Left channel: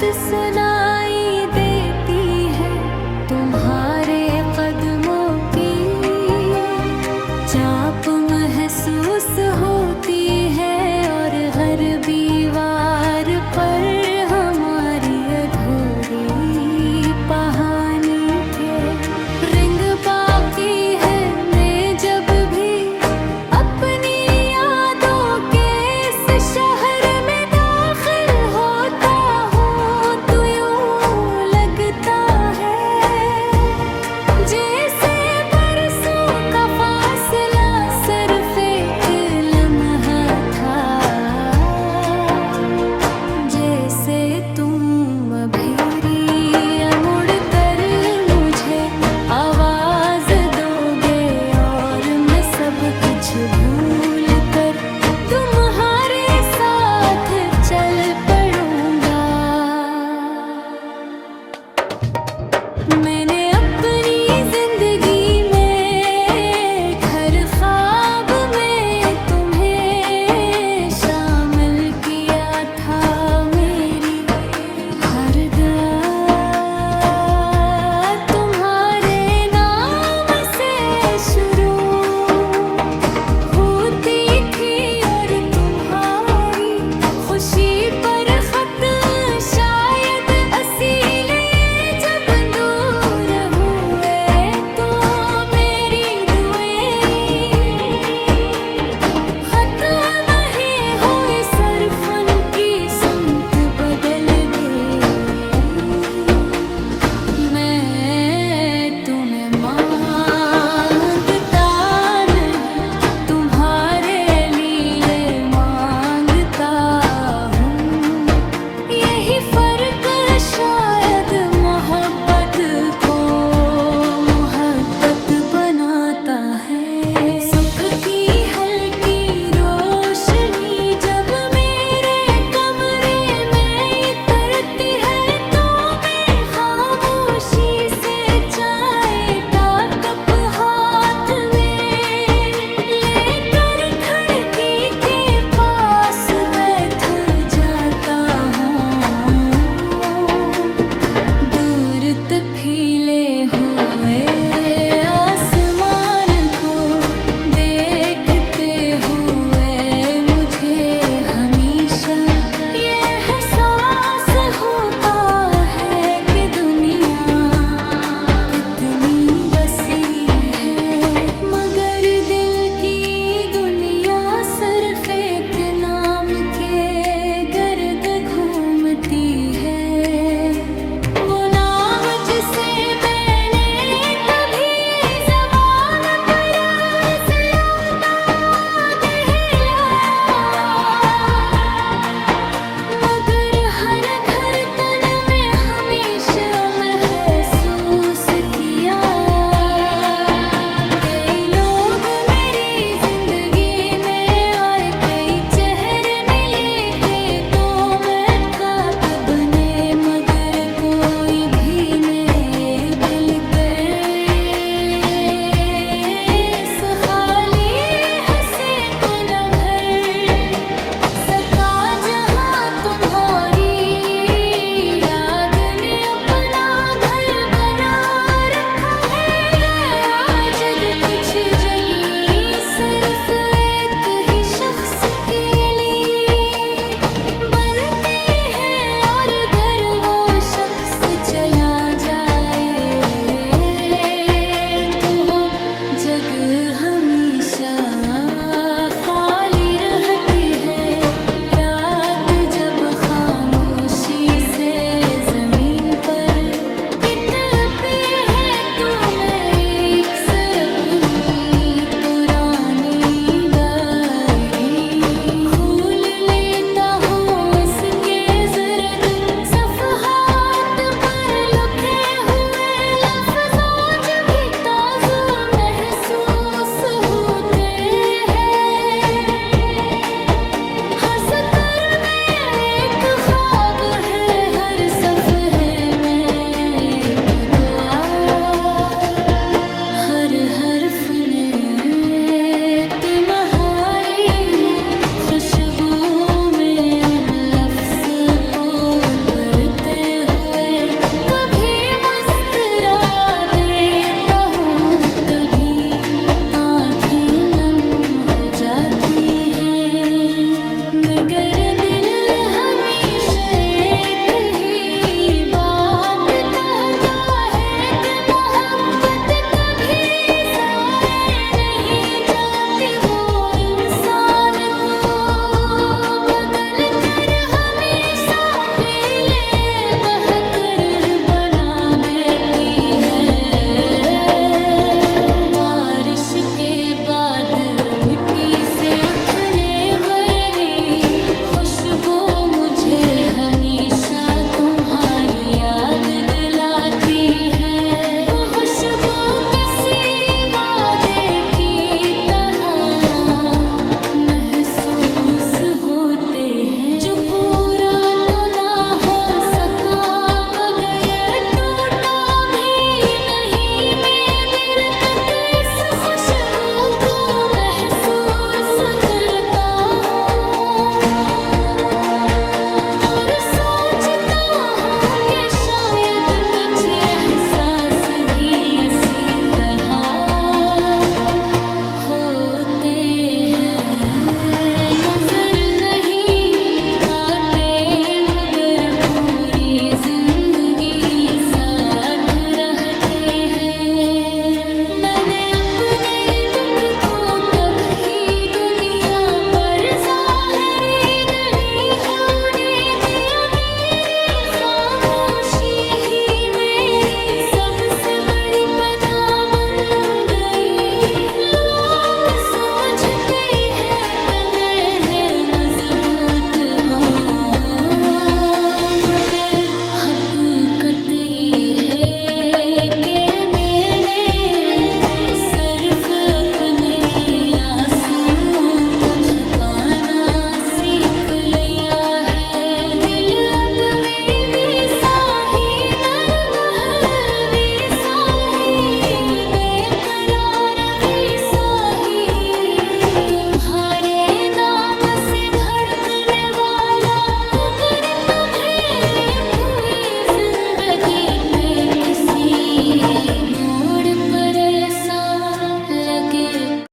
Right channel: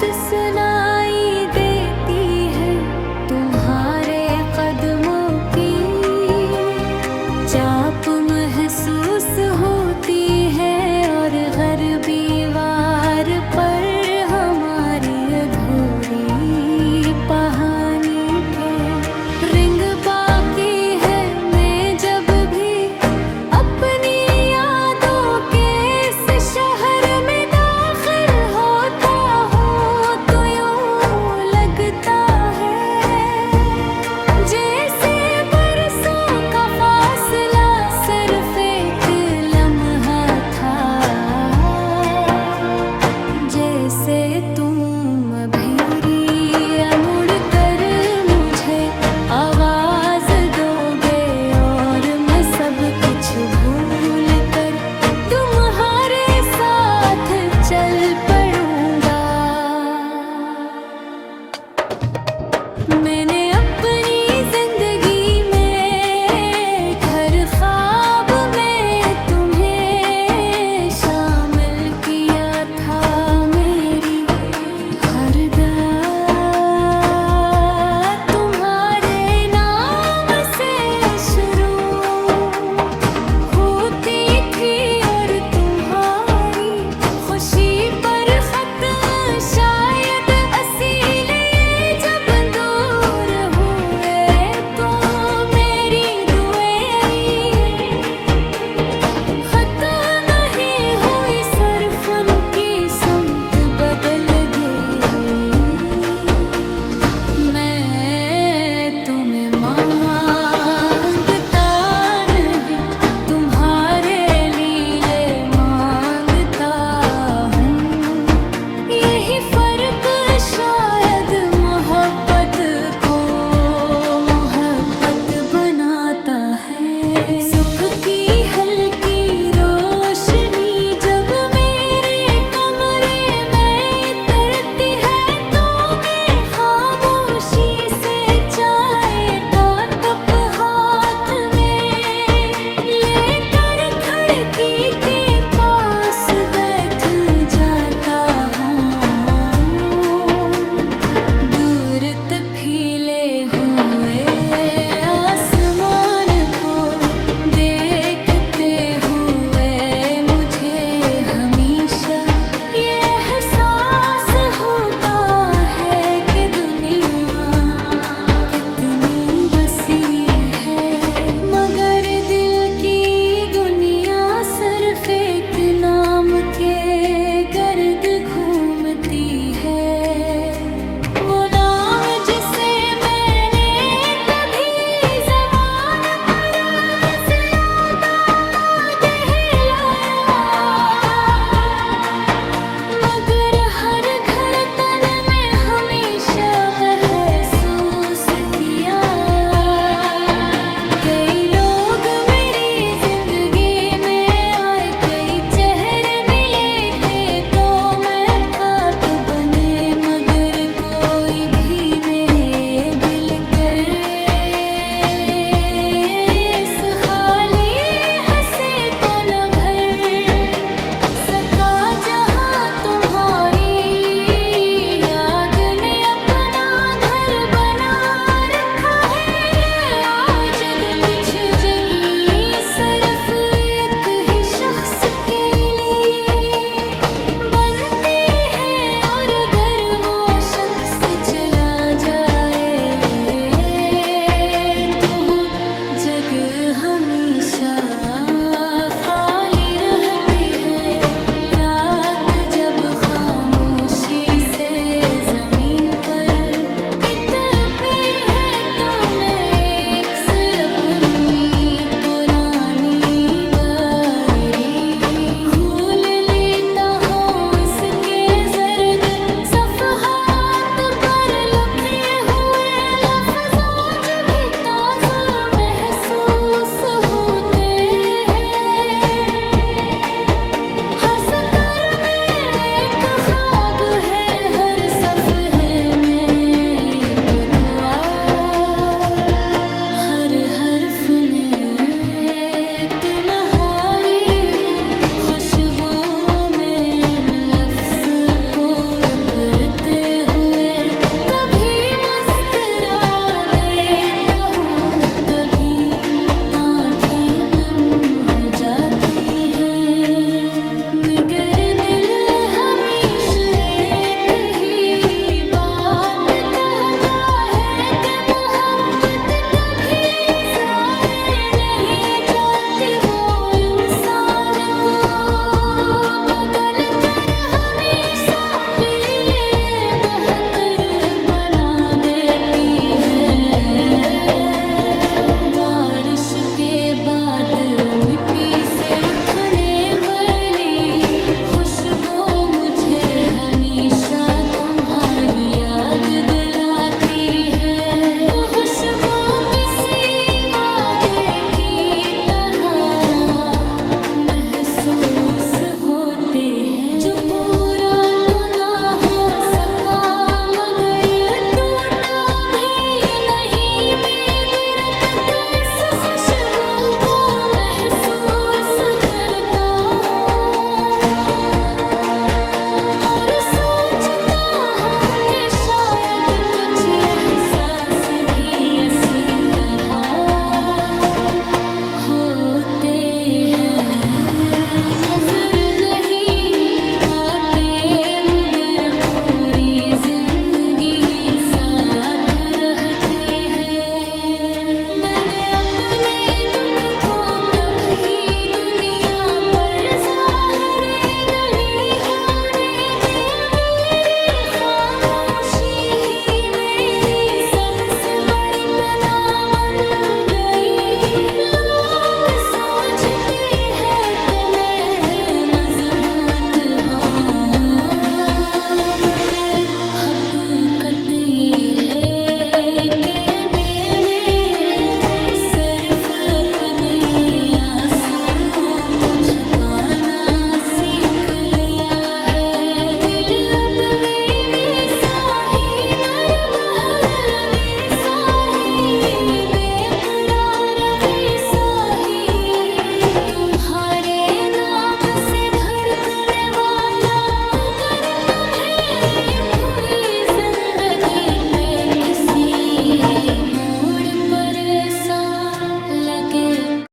बात सुनाई देती है तुम्हारे कदमों की, चाप महसूस होती है और गरबी वार पर हमारी अधूरी कहानी के रिंग बाकी है। मैं जब भी अपनी यादों के इस शहर में दाखिल होता हूँ तो यूं लगता है जैसे बरसों का फासला सिर्फ एक लम्हा था, जैसे तुम अभी मुड़ कर मुझे आवाज दोगे और मैं सब कुछ भूल कर तुम्हारे साथ चल पड़ूंगा। मैंने अपनी जिंदगी में हर ख्वाब में तुम्हें शामिल किया था, मेरी हर बात तुम्हारे नाम से शुरू होती थी और तुम्हारी खुशी पर खत शायद असील ये जब दूर हुए तो मेरी दुआएं खत नहीं हुई, सिर्फ उनकी सुमत बदल गई। मैं तुम्हें मांगता नहीं, तुम्हारे लीले मांगता हूँ। यही फर्क शायद मोहब्बत को मोहब्बत बनाता है। सुख की हल्की रोशनी जब मेरे कमरे में उतरती है तो मैं खामोशी से चाय का कप हाथ में लेकर खिड़की के पास बैठ जाता हूँ। दूर तक खिले हुए आसमान को देखते हुए मुझे हमेशा ये एहसास होता है कि दुनिया कितनी वसी है, मगर दिल की दुनिया सिर्फ एक नाम के गर्द घूमती है। वो नाम जिसे मैंने कभी ज़बान पर ज़्यादा कहलाया, मगर हर धड़कन में हमेशा महसूस किया। कई लोग मेरी जिंदगी में आए, कई चेहरे मिले थे तो मैं खाक बने, मगर कोई भी मेरे दिल के इस खाली हंसे को न भर सका, जहाँ तुम्हारी याद ने अपना घर बना रखा है। आजद कुछ जगह सिर्फ एक ही शख्स के लिए बनती है और अगर वो शख्स चला जाए तो वो जगह हमेशा खाली रहती है। रात जब खामोशी से जमीन पर इतनी है तो मैं एक सर अपनी पुरानी डायरी खोल लेता हूँ, इसके जर्द सफ़हात पर लिखे हुए लफ्ज़ आज भी ताज़ा महसूस होते हैं। हर सतर में एक ख्वाब है, हर सफ़हे में एक दुआ, हर हर्फ में तुम्हारी खुशबू में लफ्ज़ को भरते बाद मिट्टी से उठने वाली खुशबू मुझे हमेशा तुम्हारी याद दिलाती है। वो खुशबू किसी वादे की तरह महसूस होते हैं, जो पूरा तो ना हो सका मगर टूटा भी नहीं। मैं देर तक इस खुशबू को महसूस करता हूँ और सोचता हूँ कि शायद कुछ एहसास भी इसी तरह होते हैं। नजर नहीं आते मगर पूरी जिंदगी साथ रहते हैं। मैंने अपने दुख को कभी दुनिया पर ज़ाहिर नहीं होने दिया। मेरी खामोशी ही मेरी सबसे बड़ी पनाह बन गई। लोग समझते हैं कि मैं मजबूत हूँ मगर हकीकत ये है कि मैंने सिर्फ अपने आंसुओं को छुपाना